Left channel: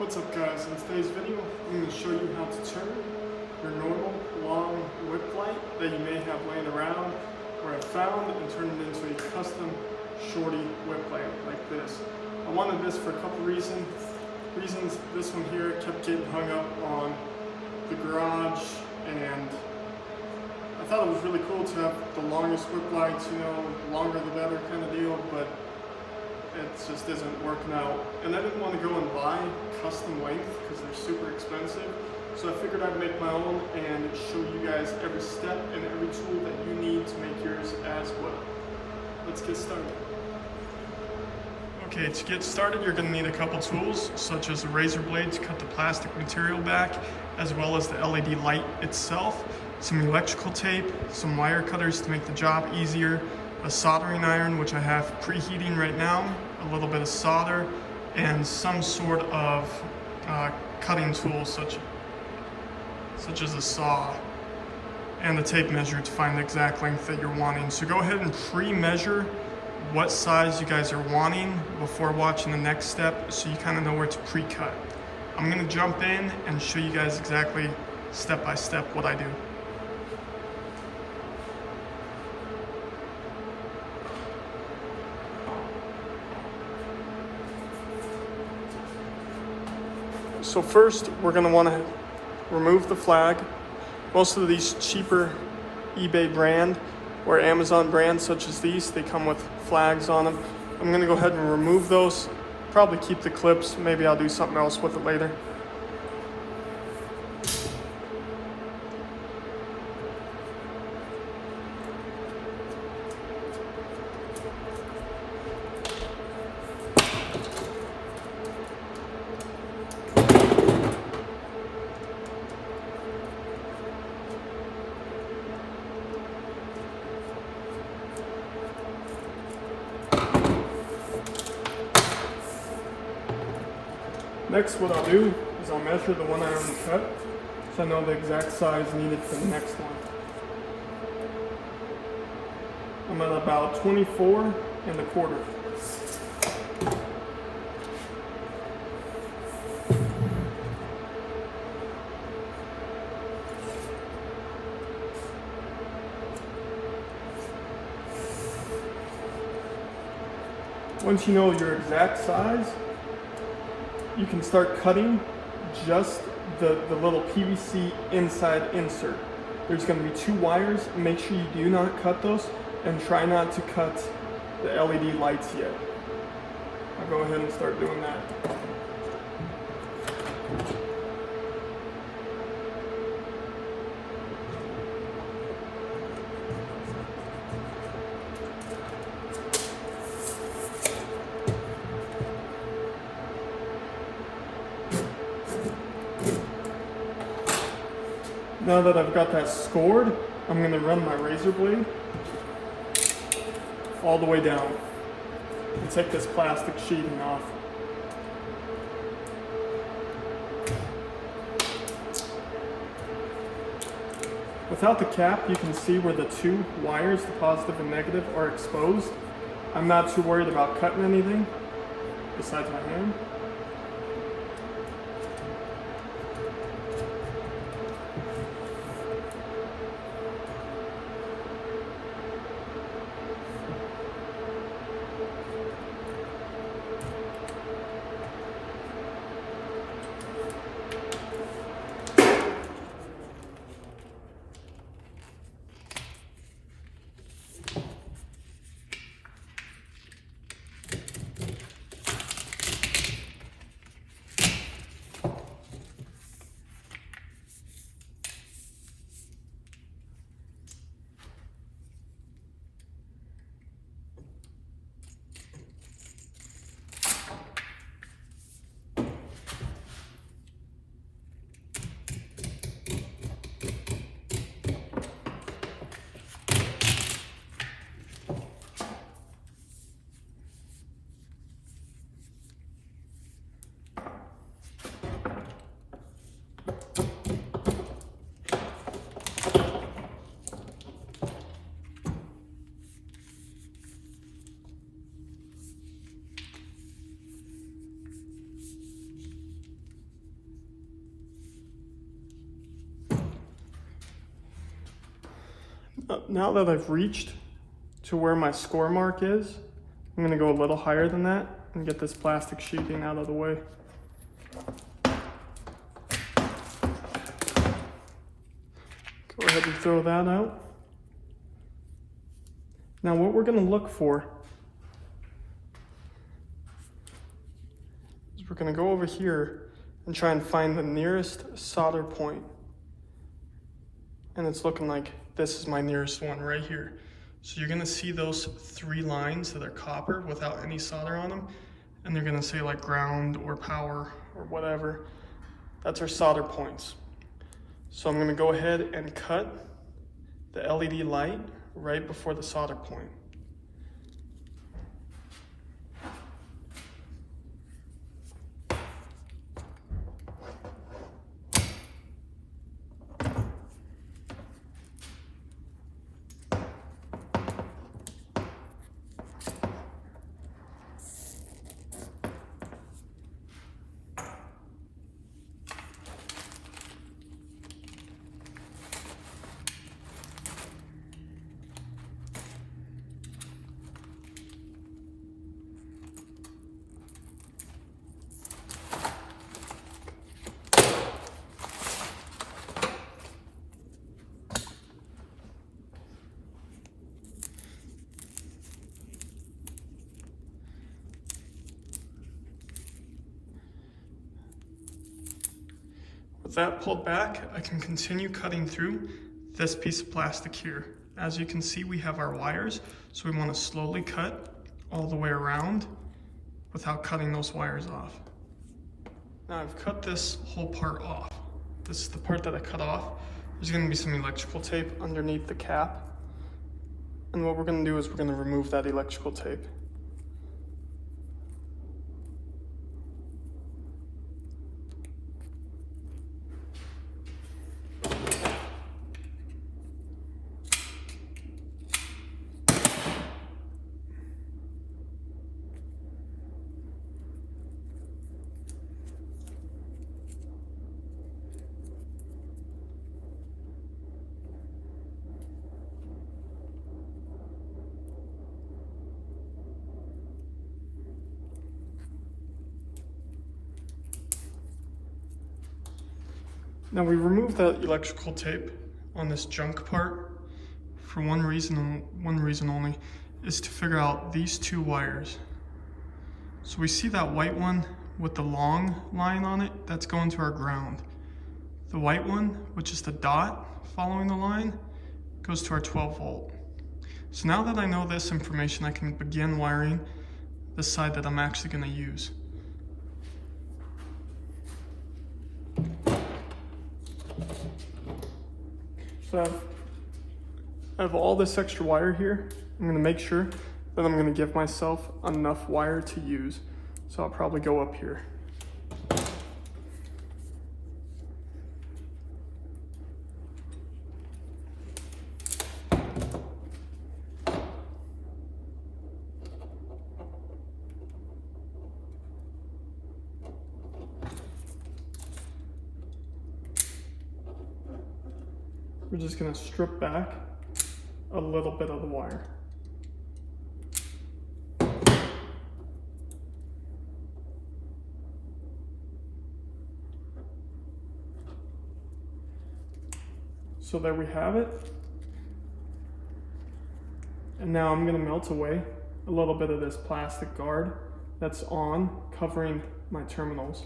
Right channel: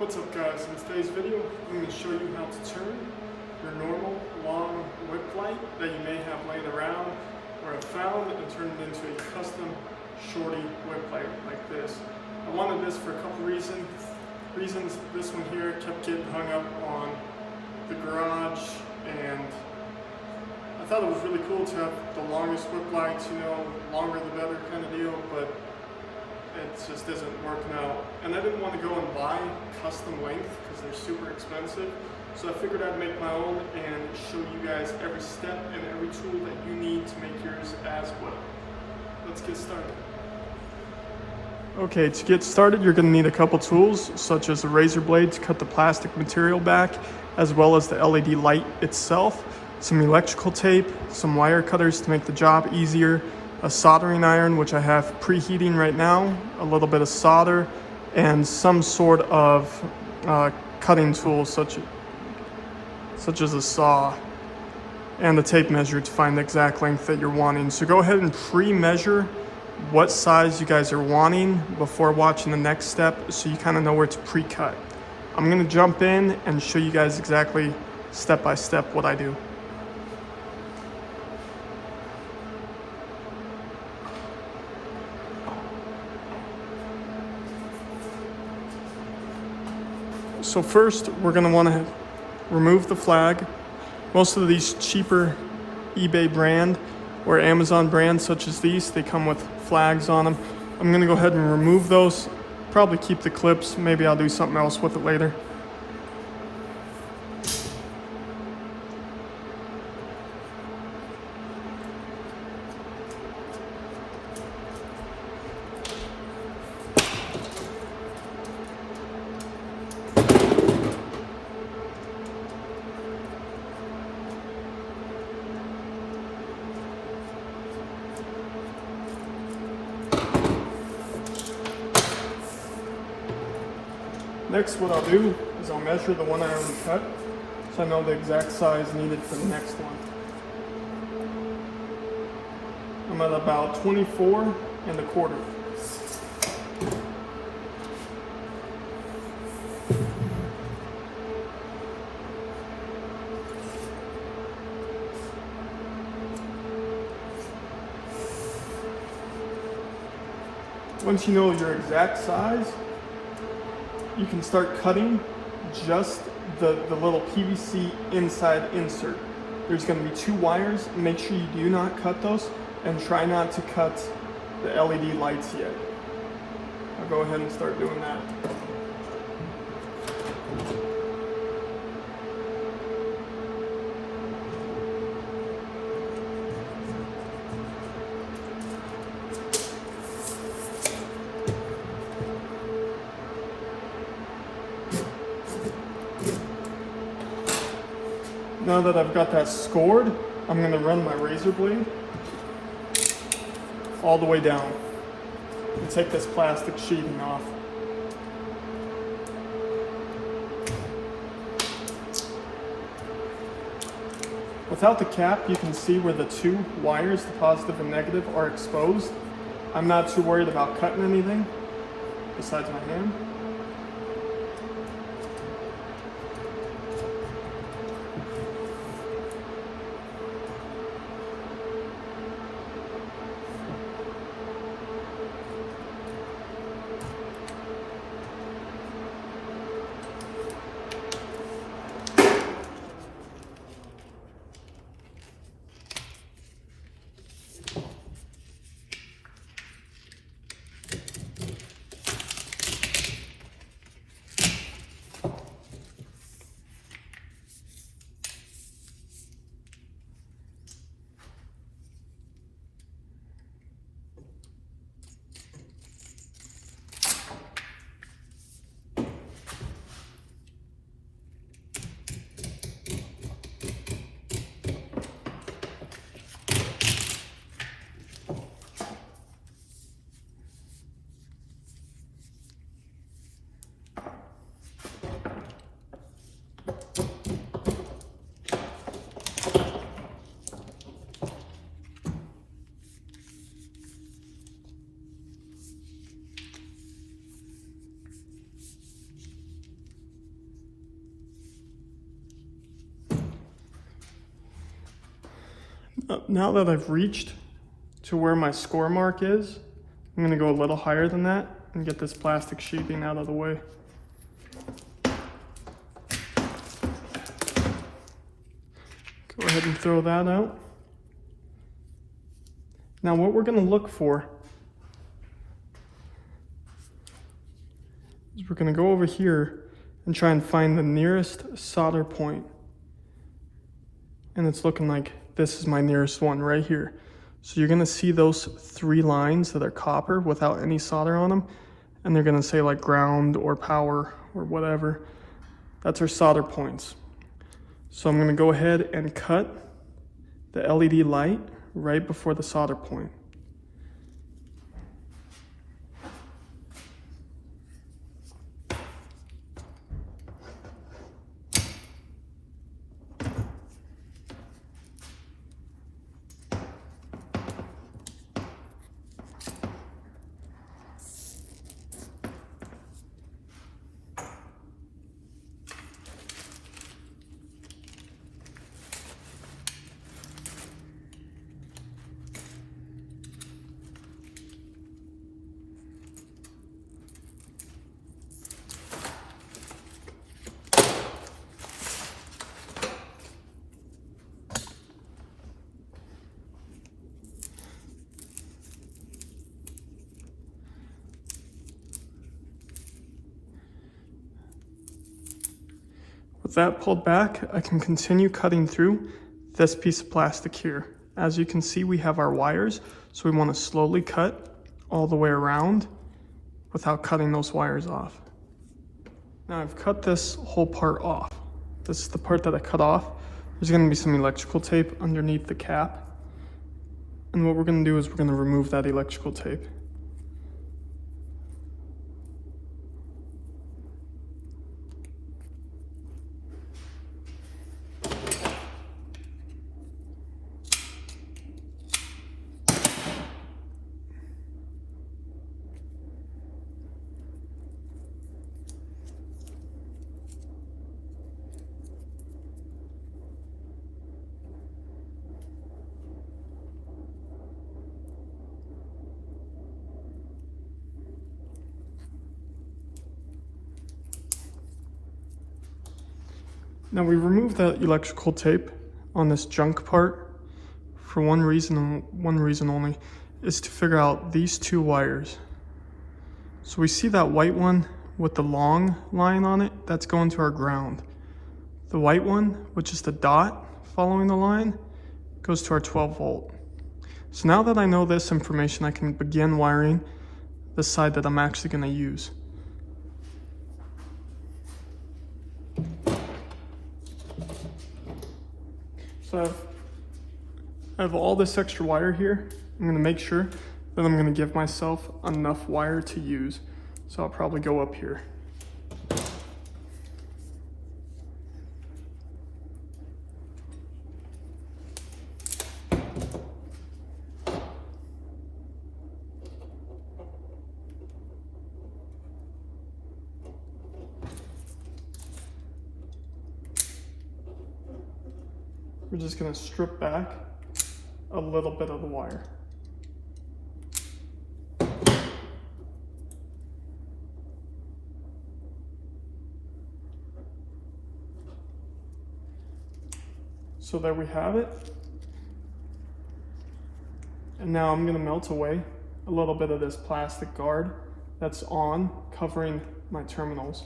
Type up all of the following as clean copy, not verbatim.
What's up guys, in today's video I'm going to show you how to turn your normal long whip light that you may have laying around or have found and turn it into a custom shorty whip light like this. I wanted this for a couple reasons. This one here kept getting hung up on the garage, and I thought it was really cool to have the longest whip lights, you know, longer the better kind of deal, but it just isn't working out. And I didn't want to go and buy custom length because they're super expensive. So I figured I'd make my own and show you guys every step and every tool that you need to make yours as well. Let's get started. Okay, to get started, you're going to need a couple tools, such as a razor blade to cut the plastic material back, as well as the LED light itself, some electrical tape, some wire cutters to make the job easier, a soldering iron, which I have preheating right now, a little bit of solder, and some sort of cutting tool, such as a saw, and a tape measure to find the exact length that you're wanting. So go ahead and pre-measure what size you guys are wanting before watching the next step, so you kind of know where to pre-cut. I'm going to jump in and show you guys exactly step by step what I do. So first, we're going to want to remove the flag. Most of these cheaper eBay brand or Amazon brands such as these, they come with flags on them. I'm going to go ahead and remove those. Probably keep the clips. Maybe I'll do something else with it later. Next, what I'll do is I'll measure the one I already cut, so I know the exact size needed for the next one. I'm at about 24 1/4. Once you know your exact size, you can start cutting just the little PVC inside insert. There's going to be 2 wires. Make sure you do not cut those, and try not to cut the LED lights yet. I'll go ahead and start doing that. Now that I've got that scored, I'm going to run my razor blade all the way down and take this plastic sheeting off. Without the cap, you can see where the 2 wires, the positive and negative, are exposed. I'm not too worried about cutting anything besides my hand. now that I've reached to where my score mark is, I'm gonna go a little higher than that and get this plastic sheathing out of the way. Go ahead and throw that out. Now what we're gonna look for is we're gonna go over here and try and find the nearest solder point. And it's looking like this is my nearest one right here. So you're gonna see those 3 lines that are copper without any solder on them, and they're gonna say like ground or power or whatever. That's our solder points. So I'm gonna go ahead and cut the LED light right before the solder point. With that pulled back, I can continue cutting through this piece of plastic here. As you can see, we have our wires, so we want to slowly cut all the way around without cutting those wires off. Now I've cut this whole part off. This is the part that I cut off. There's going to be some electrical tape underneath the cap. And what we're going to do is we're going to remove that electrical tape. Now we removed that electrical tape on this junk part for one reason only, is to figure out these 2 wires. So we see that white one with the long line on it, that's going to our ground. The white one, which is the dot following the line, goes to our 12 volt. So now that I know this information, I can begin wiring the side that I'm actually going to use. So I have all this extra wire here. I'm going to make sure that I'm going to give myself enough wire to use. So I'll probably go up here. We're just going to strip back a little bit of the wire. So there we have it. And now I'm going to melt away a little bit of this plastic guard that's on, covering my terminals.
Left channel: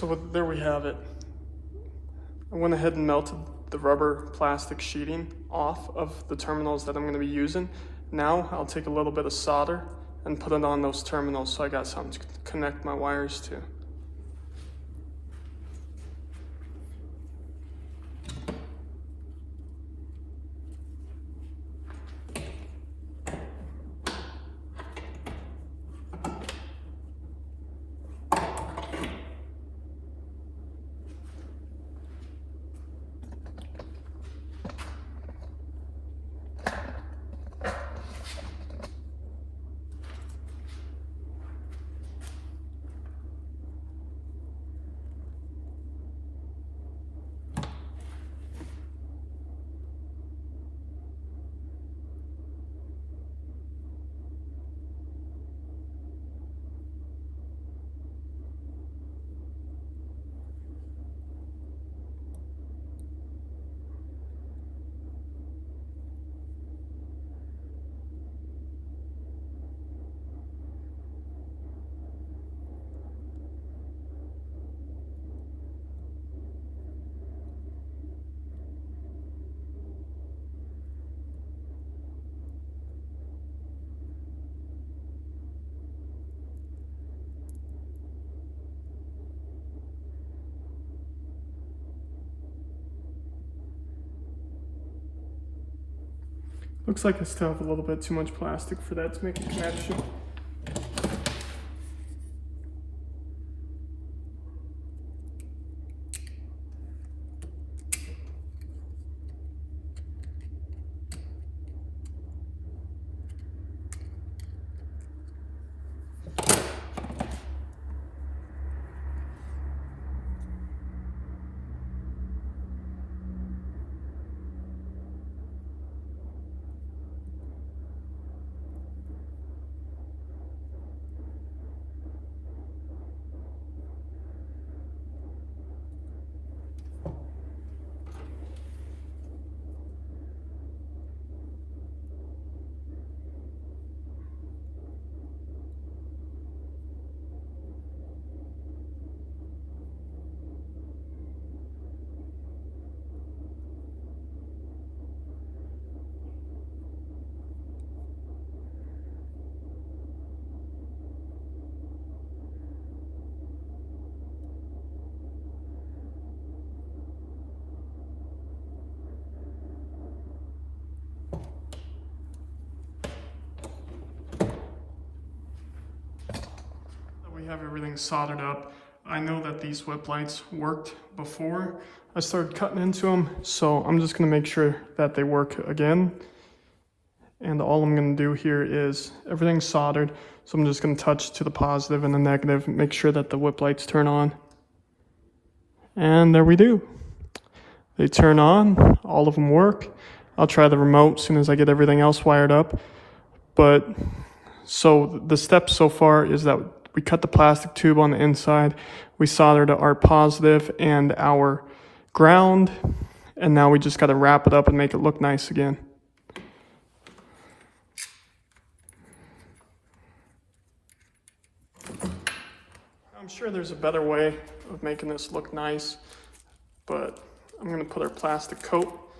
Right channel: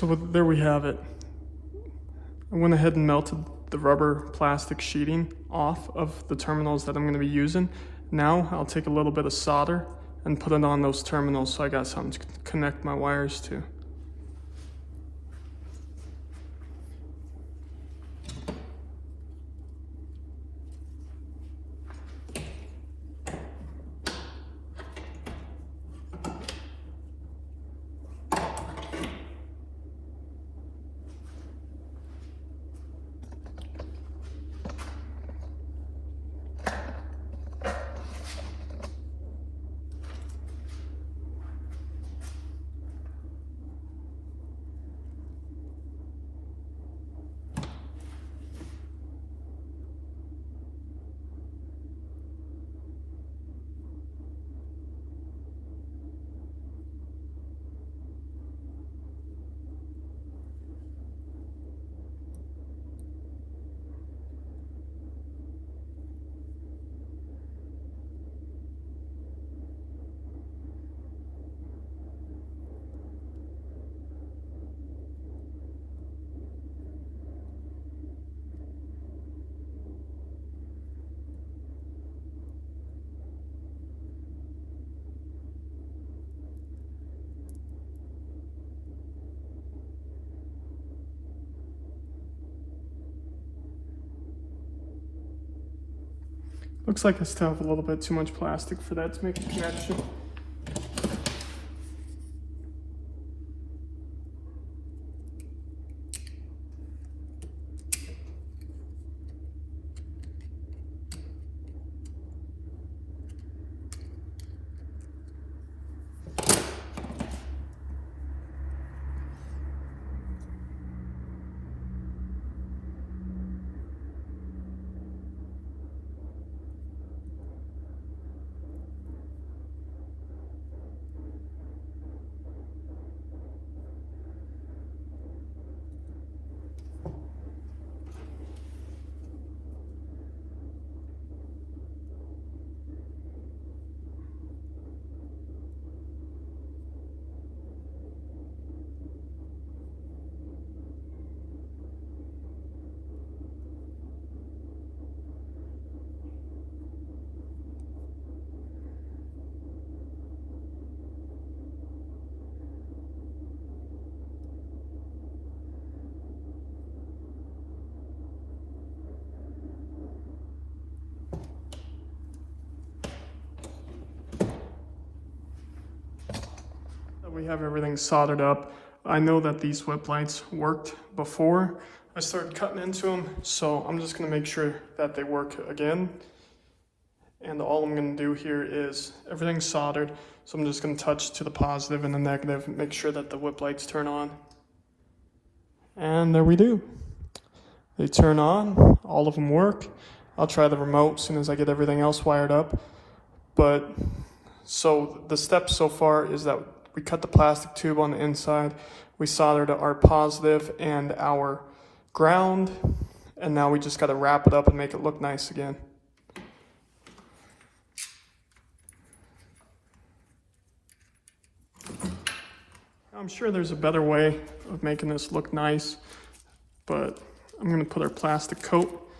So there we have it. I went ahead and melted the rubber plastic sheeting off of the terminals that I'm going to be using. Now I'll take a little bit of solder and put it on those terminals so I got something to connect my wires to. Looks like I still have a little bit too much plastic for that to make a connection. We have everything soldered up. I know that these whip lights worked before I started cutting into them, so I'm just going to make sure that they work again. And all I'm going to do here is everything's soldered, so I'm just going to touch to the positive and the negative and make sure that the whip lights turn on. And there we do. They turn on, all of them work. I'll try the remote as soon as I get everything else wired up. But so the steps so far is that we cut the plastic tube on the inside, we soldered our positive and our ground, and now we just got to wrap it up and make it look nice again. I'm sure there's a better way of making this look nice, but I'm going to put our plastic coat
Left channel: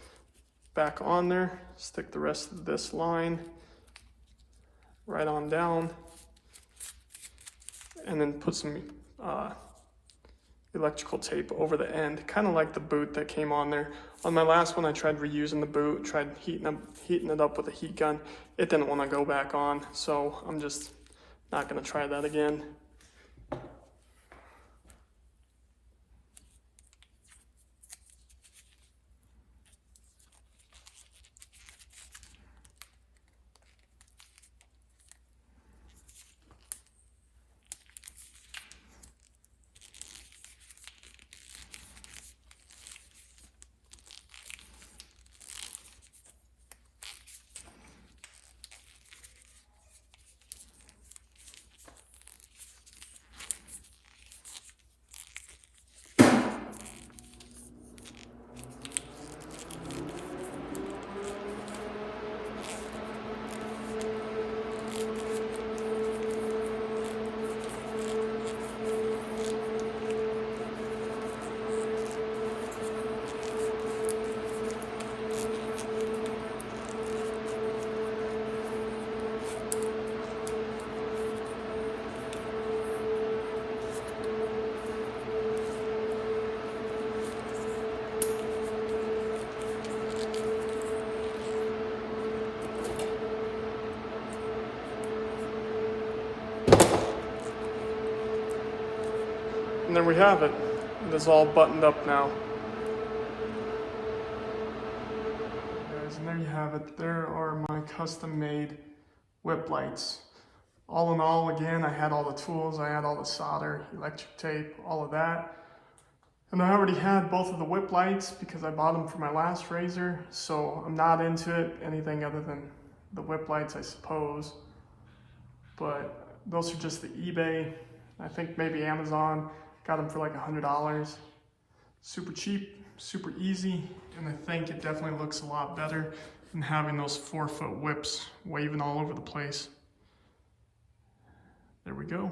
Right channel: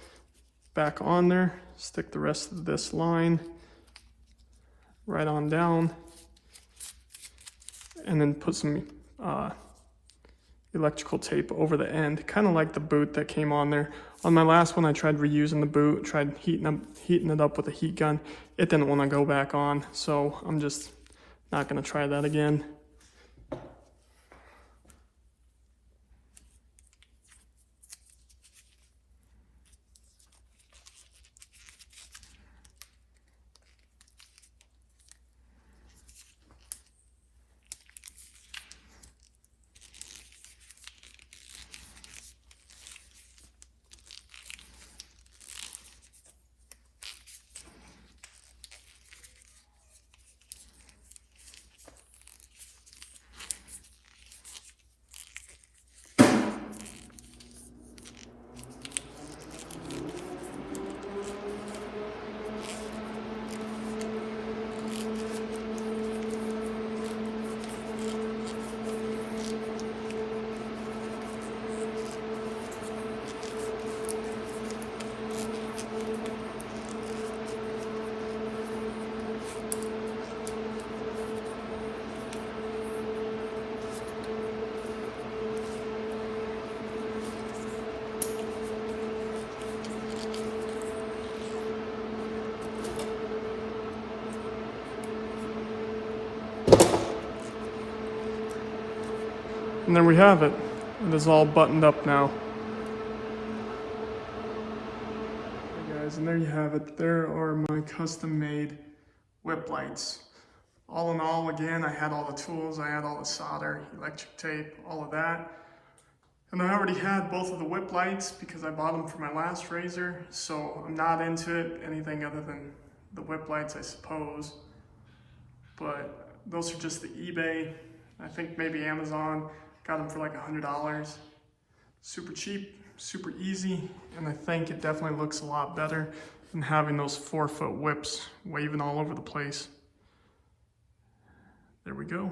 back on there, stick the rest of this line right on down, and then put some electrical tape over the end, kind of like the boot that came on there. On my last one, I tried reusing the boot, tried heating it up with a heat gun. It didn't want to go back on, so I'm just not going to try that again. have it. It is all buttoned up now. Okay guys, and there you have it. There are my custom-made whip lights. All in all, again, I had all the tools, I had all the solder, electric tape, all of that. And I already had both of the whip lights because I bought them for my last RZR, so I'm not into it, anything other than the whip lights, I suppose. But those are just the eBay, I think maybe Amazon, got them for like $100. Super cheap, super easy, and I think it definitely looks a lot better than having those 4-foot whips waving all over the place. There we go.